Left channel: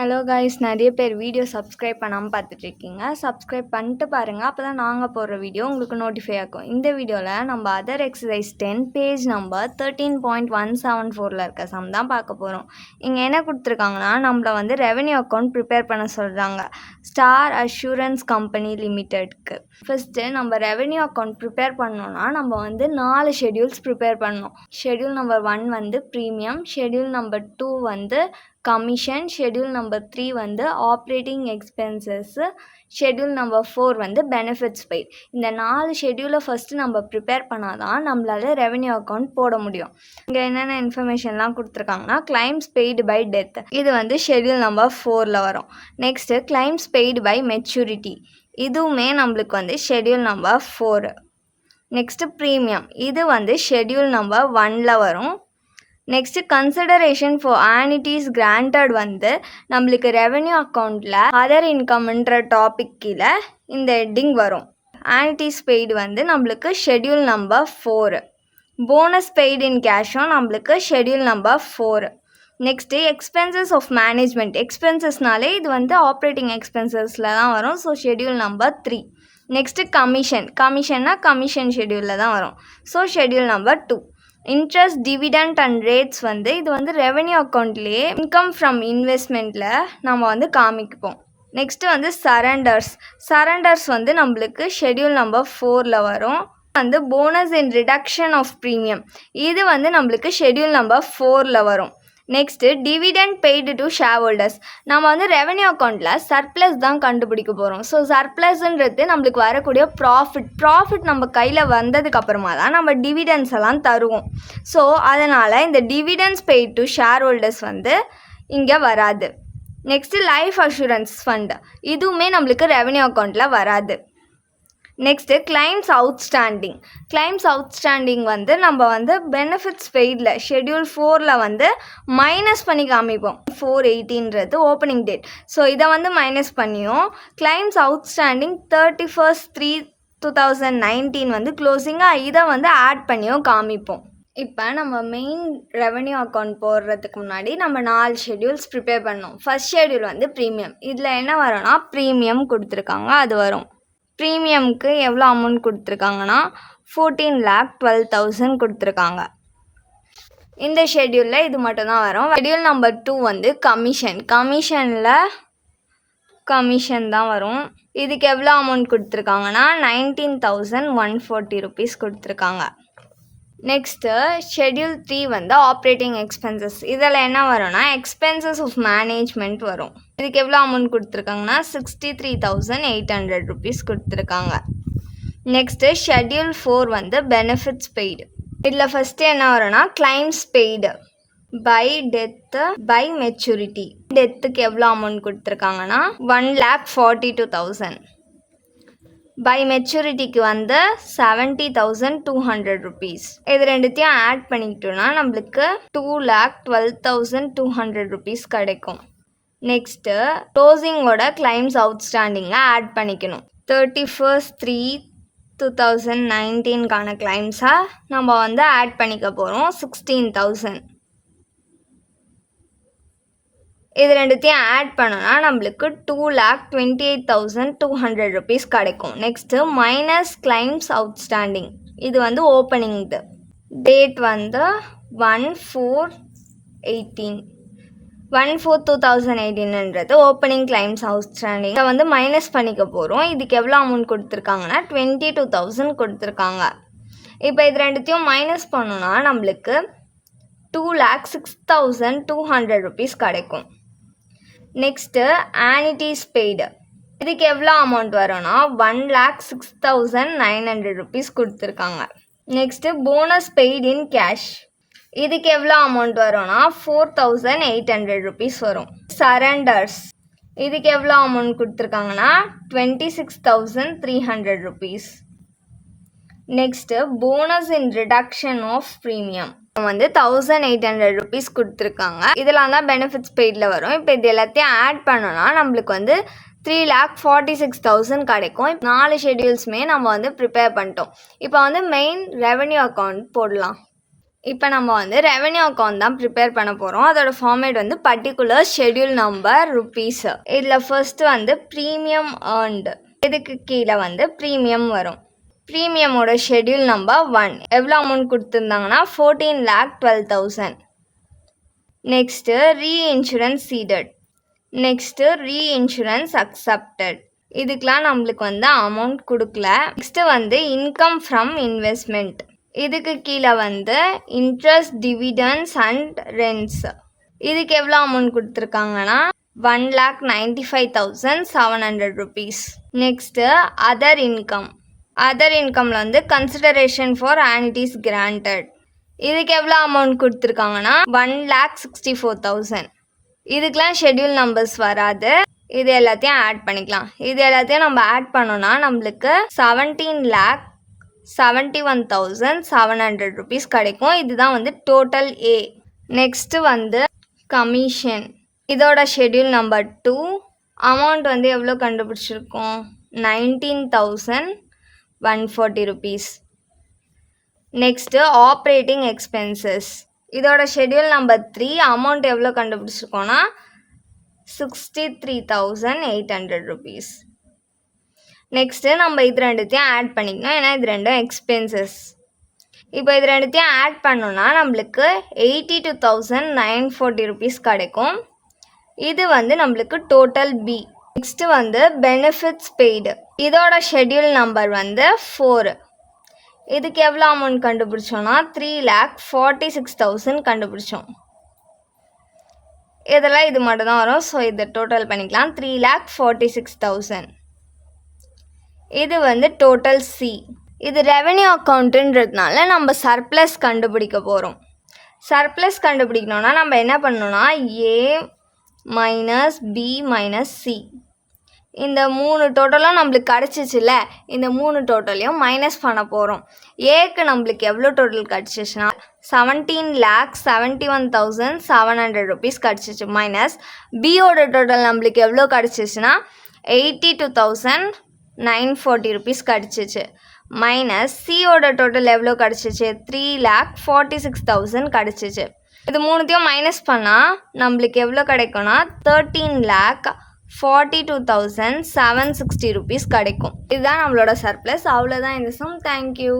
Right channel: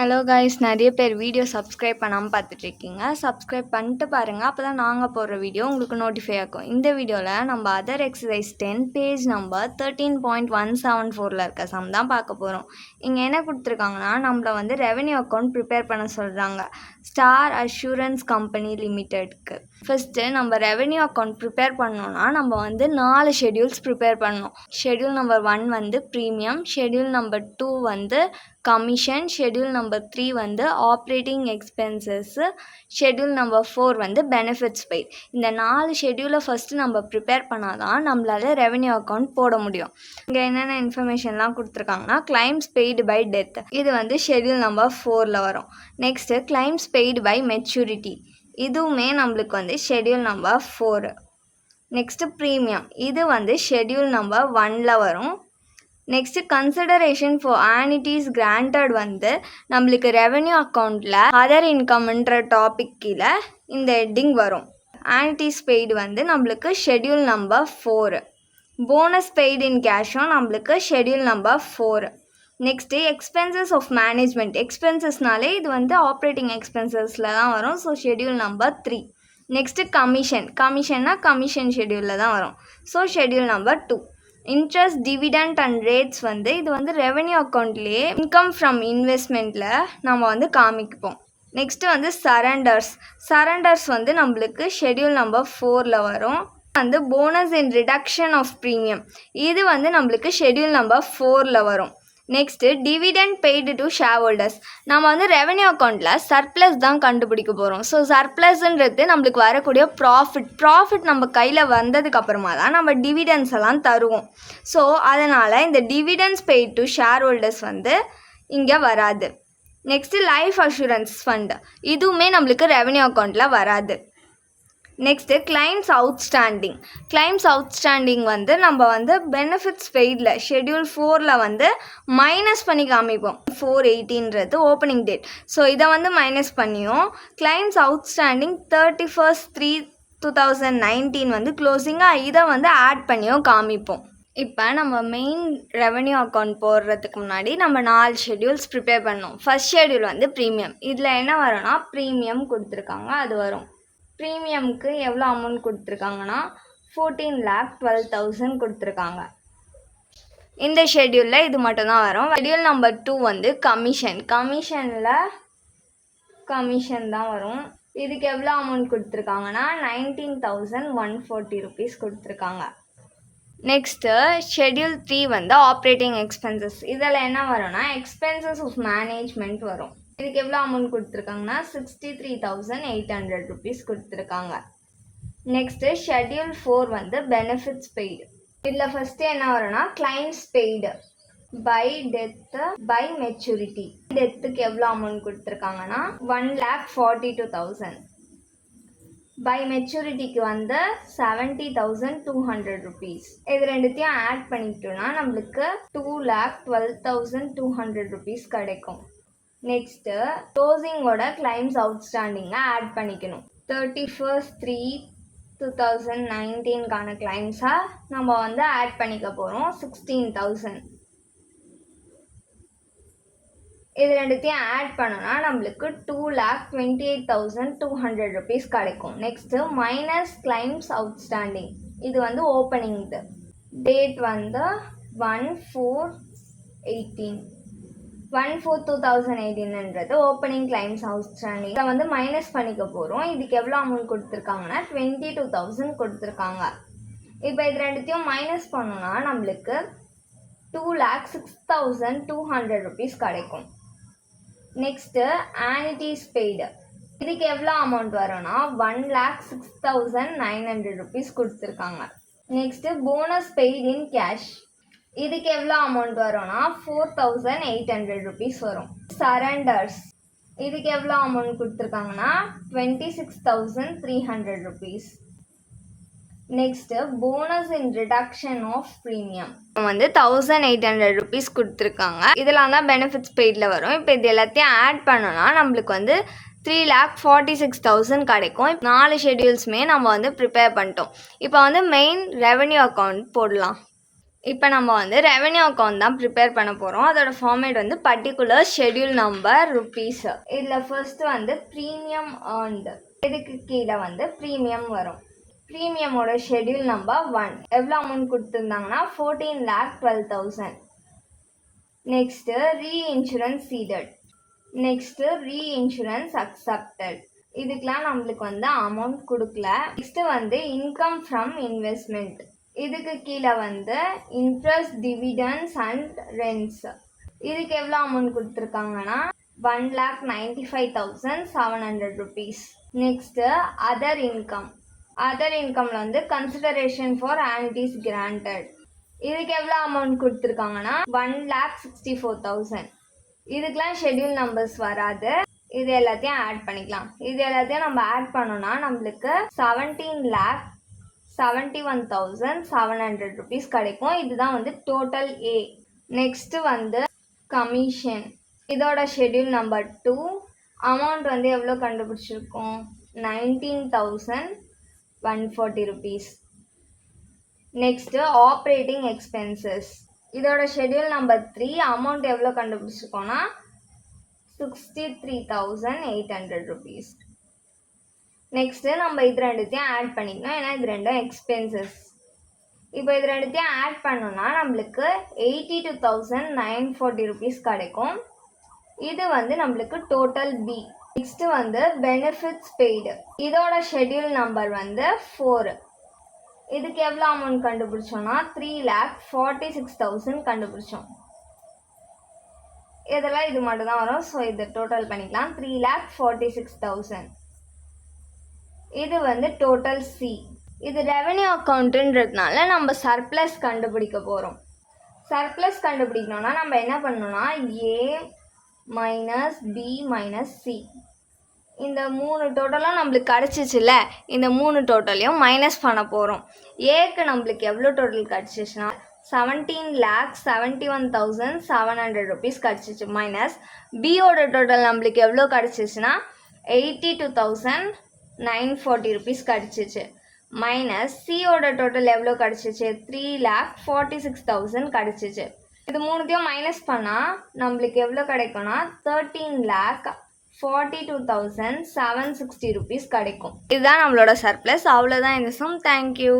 Hello guys, நிறைய பேர் video subscribe பண்ணாமல் பார்த்துட்ருக்கீங்க. சப்ஸ்கிரைப் பண்ணிட்டு பாருங்கள், அப்போ தான் நாங்கள் போடுற வீடியோ உங்களுக்கு நோட்டிஃபை ஆகும். இந்த வீடியோவில் நம்ம அதர் எக்ஸசைஸ் 10 பேஜ் நம்பர் 13.174 இருக்க சம் தான் பார்க்க போகிறோம். இங்கே என்ன கொடுத்துருக்காங்கன்னா, நம்மளை வந்து ரெவென்யூ அக்கௌண்ட் ப்ரிப்பேர் பண்ண சொல்கிறாங்க ஸ்டார் அஷூரன்ஸ் கம்பெனி லிமிட்டெட்க்கு. ஃபஸ்ட்டு நம்ம ரெவென்யூ அக்கௌண்ட் ப்ரிப்பேர் பண்ணோன்னா நம்ம வந்து 4 ஷெட்யூல்ஸ் ப்ரிப்பேர் பண்ணணும். ஷெட்யூல் நம்பர் 1 வந்து ப்ரீமியம், ஷெட்யூல் நம்பர் 2 வந்து கமிஷன், ஷெட்யூல் நம்பர் 3 வந்து ஆப்ரேட்டிங் எக்ஸ்பென்சஸ்ஸு, ஷெட்யூல் நம்பர் 4 வந்து பெனிஃபிட்ஸ் பெய்ட். இந்த 4 ஷெட்யூலை ஃபஸ்ட்டு நம்ம ப்ரிப்பேர் பண்ணால் தான் நம்மளால் ரெவென்யூ அக்கௌண்ட் போட முடியும். இங்கே என்னென்ன இன்ஃபர்மேஷன்லாம் கொடுத்துருக்காங்கன்னா, கிளைம்ஸ் பெய்டு பை டெத், இது வந்து ஷெட்யூல் நம்பர் 4ல் வரும். Next claims paid by maturity, இதுவுமே நம்மளுக்கு வந்து ஷெட்யூல் நம்பர் 4. நெக்ஸ்ட்டு ப்ரீமியம், இது வந்து ஷெட்யூல் நம்பர் 1ல் வரும். நெக்ஸ்ட்டு கன்சிடரேஷன் ஃபார் ஆனிட்டிஸ் கிராண்டட் வந்து நம்மளுக்கு ரெவென்யூ அக்கௌண்ட்டில் அதர் இன்கம்ன்ற டாபிக் கீழே இந்த ஹெட்டிங் வரும். ஆனிட்டிஸ் பெய்டு வந்து நம்மளுக்கு schedule number 4. Bonus paid in கேஷும் நம்மளுக்கு schedule number 4. Next expenses of management, எக்ஸ்பென்சஸ்னாலே இது வந்து ஆப்ரேட்டிங் எக்ஸ்பென்சஸில் தான் வரும். So schedule number 3. நெக்ஸ்ட்டு கமிஷன்னா கமிஷன் ஷெட்யூலில் தான் வரும். So schedule number 2. Interest, dividend and rates வந்து இது வந்து ரெவென்யூ அக்கௌண்ட்லேயே இன்கம் ஃப்ரம் இன்வெஸ்ட்மெண்ட்டில் நம்ம வந்து காமிப்போம். நெக்ஸ்ட்டு வந்து சரண்டர்ஸ் வந்து நம்மளுக்கு ஷெட்யூல் நம்பர் 4ல் வரும். வந்து bonus in reduction of premium, இது வந்து நம்மளுக்கு ஷெட்யூல் நம்பர் 4ல் வரும். Next dividend paid to shareholders, நம்ம வந்து ரெவென்யூ அக்கௌண்ட்டில் சர்ப்ளஸ் தான் கண்டுபிடிக்க போகிறோம். ஸோ சர்ப்ளஸ்ன்றது நம்மளுக்கு வரக்கூடிய ப்ராஃபிட் நம்ம கையில் வந்ததுக்கப்புறமா தான் நம்ம டிவிடெண்ட்ஸ் எல்லாம் தருவோம். ஸோ அதனால் இந்த dividends paid to share holders வந்து இங்கே வராது. நெக்ஸ்ட்டு லைஃப் அஷூரன்ஸ் ஃபண்ட், இதுவுமே நம்மளுக்கு ரெவென்யூ அக்கௌண்ட்டில் வராது. நெக்ஸ்ட்டு கிளைம்ஸ் அவுட்ஸ்டாண்டிங் வந்து நம்ம வந்து பெனிஃபிட்ஸ் பெய்டில் ஷெட்யூல் 4ல் வந்து மைனஸ் பண்ணி காமிப்போம். 4/18ன்றது ஓப்பனிங் டேட். ஸோ இதை வந்து மைனஸ் பண்ணியும் கிளைம்ஸ் அவுட்ஸ்டாண்டிங் 31/3/2019 வந்து க்ளோசிங்காக இதை வந்து ஆட் பண்ணியும் காமிப்போம். இப்போ நம்ம மெயின் ரெவென்யூ அக்கௌண்ட் போடுறதுக்கு முன்னாடி நம்ம 4 ஷெட்யூல்ஸ் ப்ரிப்பேர் பண்ணோம். ஃபஸ்ட் ஷெட்யூல் வந்து ப்ரீமியம், இதில் என்ன வரும்னா ப்ரீமியம் கொடுத்துருக்காங்க, அது வரும். ப்ரீமியம்க்கு எவ்வளோ அமௌண்ட் கொடுத்துருக்காங்கன்னா 14,12,000 கொடுத்துருக்காங்க. இந்த ஷெட்யூலில் இது மட்டும்தான் வரும். ஷெட்யூல் நம்பர் 2 வந்து கமிஷன் தான் வரும். இதுக்கு எவ்வளோ அமௌண்ட் கொடுத்துருக்காங்கன்னா 19,140 rupees கொடுத்துருக்காங்க. நெக்ஸ்ட்டு ஷெட்யூல் 3 வந்து ஆப்ரேட்டிங் எக்ஸ்பென்சஸ், இதில் என்ன வரும்னா எக்ஸ்பென்சஸ் ஆஃப் மேனேஜ்மெண்ட் வரும். இதுக்கு எவ்வளோ அமௌண்ட் கொடுத்துருக்காங்கன்னா 63,800 rupees கொடுத்துருக்காங்க. நெக்ஸ்ட்டு ஷெட்யூல் 4 வந்து பெனிஃபிட்ஸ் பெய்டு, இதில் ஃபஸ்ட்டு என்ன வரும்னா claims paid by death by maturity. டெத்துக்கு எவ்வளோ அமௌண்ட் கொடுத்துருக்காங்கன்னா 1,42,000. பை மெச்சூரிட்டிக்கு வந்து 70,200 rupees. இது ரெண்டுத்தையும் ஆட் பண்ணிக்கிட்டோன்னா நம்மளுக்கு 2,12,200 rupees கிடைக்கும். நெக்ஸ்ட்டு க்ளோசிங்கோட கிளைம்ஸ் அவுட்ஸ்டாண்டிங்கை ஆட் பண்ணிக்கணும். 31/3/2019க்கான கிளைம்ஸாக நம்ம வந்து ஆட் பண்ணிக்க போகிறோம் 16,000. இது ரெண்டுத்தையும் ஆட் பண்ணோன்னா நம்மளுக்கு 2,28,200 rupees கிடைக்கும். நெக்ஸ்ட்டு மைனஸ் கிளைம்ஸ் அவுட்ஸ்டாண்டிங், இது வந்து ஓப்பனிங் டேட் வந்து 1/4/2018ன்றது ஓப்பனிங் கிளைம்ஸ் அவுட்ஸ்டாண்டிங். இதை வந்து மைனஸ் பண்ணிக்க போகிறோம். இதுக்கு எவ்வளோ அமௌண்ட் கொடுத்துருக்காங்கன்னா 22,000 கொடுத்துருக்காங்க. இப்போ இது ரெண்டுத்தையும் மைனஸ் பண்ணோன்னா நம்மளுக்கு 2,06,200 rupees கிடைக்கும். நெக்ஸ்ட்டு ஆனிட்டிஸ் பெய்டு, இதுக்கு எவ்வளோ அமௌண்ட் வரும்னா 1,06,900 rupees கொடுத்துருக்காங்க. Next bonus paid in cash, இதுக்கு எவ்வளோ அமௌண்ட் வரும்னா 4,800 rupees வரும். சரண்டர்ஸ், இதுக்கு எவ்வளோ அமௌண்ட் கொடுத்துருக்காங்கன்னா 26,300 rupees. Next bonus in reduction of premium வந்து 1,800 rupees கொடுத்துருக்காங்க. இதெல்லாம் தான் பெனிஃபிட்ஸ் பெய்டில் வரும். இப்போ இது எல்லாத்தையும் ஆட் பண்ணோன்னா நம்மளுக்கு வந்து 3,46,000 கிடைக்கும். 4 ஷெட்யூல்ஸுமே நம்ம வந்து ப்ரிப்பேர் பண்ணிட்டோம். இப்போ வந்து மெயின் ரெவென்யூ அக்கௌண்ட் போடலாம். இப்போ நம்ம வந்து ரெவென்யூ அக்கௌண்ட் தான் ப்ரிப்பேர் பண்ண போகிறோம். அதோட ஃபார்மேட் வந்து பர்டிகுலர் ஷெட்யூல் நம்பர் ருபீஸ். இதில் ஃபர்ஸ்ட் வந்து ப்ரீமியம் ஏர்ன்டு, இதுக்கு கீழே வந்து ப்ரீமியம் வரும். ப்ரீமியமோட ஷெட்யூல் நம்பர் 1 எவ்வளோ அமௌண்ட் கொடுத்துருந்தாங்கன்னா 14,12,000. Next reinsurance ceded, next reinsurance accepted. இதுக்கெலாம் நம்மளுக்கு வந்து அமௌண்ட் கொடுக்கல. நெக்ஸ்ட்டு வந்து இன்கம் ஃப்ரம் இன்வெஸ்ட்மெண்ட், இதுக்கு கீழே வந்து இன்ட்ரெஸ்ட் டிவிடெண்ட்ஸ் அண்ட் ரெண்ட்ஸ். இதுக்கு எவ்வளோ அமௌண்ட் கொடுத்துருக்காங்கன்னா 1,95,700 rupees. Next other income, other இன்கமில் வந்து கன்சிடரேஷன் ஃபார் ஆனிட்டிஸ் கிராண்டட். இதுக்கு எவ்வளோ அமௌண்ட் கொடுத்துருக்காங்கன்னா 1,64,000. இதுக்கெலாம் ஷெட்யூல் நம்பர்ஸ் வராது. இது எல்லாத்தையும் ஆட் பண்ணிக்கலாம். இது எல்லாத்தையும் நம்ம ஆட் பண்ணோன்னா நம்மளுக்கு 17,71,700 rupees கிடைக்கும். இதுதான் வந்து டோட்டல் ஏ. நெக்ஸ்ட்டு வந்து கமிஷன், இதோட ஷெட்யூல் நம்பர் 2. அமௌண்ட் வந்து எவ்வளோ கண்டுபிடிச்சிருக்கோம், 19,140 rupees. நெக்ஸ்ட்டு ஆப்ரேட்டிங் எக்ஸ்பென்சஸ், இதோட ஷெட்யூல் நம்பர் 3. அமௌண்ட் எவ்வளோ கண்டுபிடிச்சிருக்கோன்னா 63,800 rupees. நெக்ஸ்ட்டு நம்ம இது ரெண்டுத்தையும் ஆட் பண்ணிக்கணும், ஏன்னா இது ரெண்டும் எக்ஸ்பென்சஸ். இப்போ இது ரெண்டுத்தையும் ஆட் பண்ணோன்னா நம்மளுக்கு 82,940 rupees கிடைக்கும். இது வந்து நம்மளுக்கு டோட்டல் பி. நெக்ஸ்ட்டு வந்து பெனிஃபிட்ஸ் பெய்டு, இதோட ஷெட்யூல் நம்பர் வந்து 4. இதுக்கு எவ்வளோ அமௌண்ட் கண்டுபிடிச்சோன்னா 3,46,000 கண்டுபிடிச்சோம். இதெல்லாம் இது மட்டும் தான் வரும். ஸோ இதை டோட்டல் பண்ணிக்கலாம், 3,46,000. இது வந்து டோட்டல் சி. இது ரெவென்யூ அக்கௌண்ட்டுன்றதுனால நம்ம சர்ப்ளஸ் கண்டுபிடிக்க போகிறோம். சர்ப்ளஸ் கண்டுபிடிக்கணுன்னா நம்ம என்ன பண்ணணும்னா ஏ மைனஸ் பி மைனஸ் சி, இந்த 3 டோட்டலும் நம்மளுக்கு கிடச்சிச்சில்ல, இந்த 3 டோட்டலையும் மைனஸ் பண்ண போகிறோம். ஏக்கு நம்மளுக்கு எவ்வளோ டோட்டல் கிடச்சிச்சுன்னா 17,71,700 rupees கிடச்சிச்சு. மைனஸ் பியோட டோட்டல் நம்மளுக்கு எவ்வளோ கிடச்சிச்சுன்னா 82,940 rupees கிடச்சிச்சு. மைனஸ் சியோட டோட்டல் எவ்வளோ கிடச்சிச்சு 3,46,000 கிடச்சிச்சு. இது மூணுத்தையும் மைனஸ் பண்ணால் நம்மளுக்கு எவ்வளோ கிடைக்கும்னா 13,42,760 rupees கிடைக்கும். இதுதான் நம்மளோட சர்ப்ளஸ். அவ்வளோதான் இந்த சம். தேங்க்யூ.